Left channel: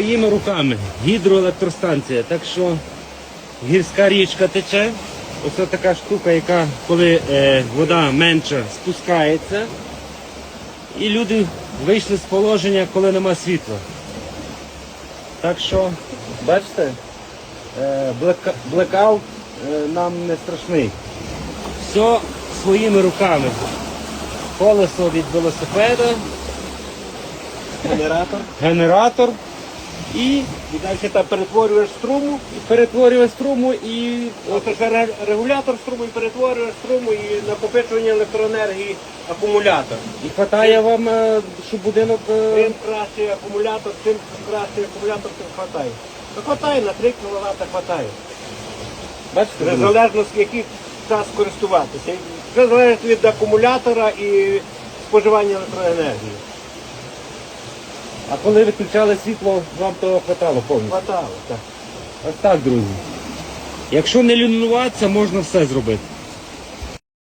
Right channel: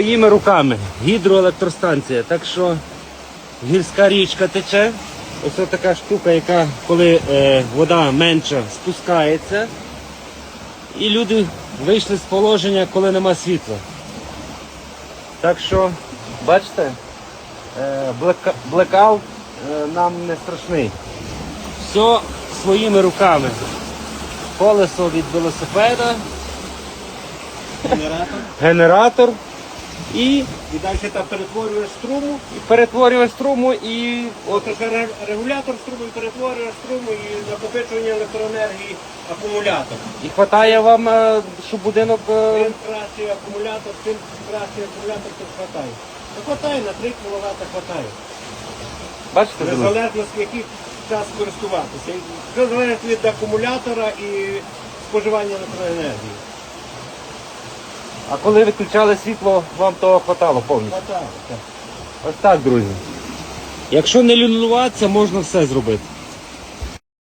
Своїми руками гідроелектростанція. Так що гірська річка тече. Ось така штука, яка коли е, вода менша спускається. І люди вийшли з положення, коли нема світла. Так що, бачите, е, блека- блекаут е, нам не страшний. Все своїми руками. Колесо від велосипеда, Генератор. генератор і І далі там перетворюєш струму. і перетворює струму і ре- регулятор струму і перетворює струму і накопичування електроенергії акумулятор. І хватає вам, е, щоб будинок. е, Чим краще акумулятор, тим краще акумулятор, тим хватає. Ну хватає, на 3 кВт хватає. Бачите, В друзі? залежності, який час користуватися. Це залежить від акумулятора і споживання електроенергії. А коли виключали світло, вам того хватало повністю. Хватало. так. Ось так, друзі. Якщо не лінуватися, можна все зробити.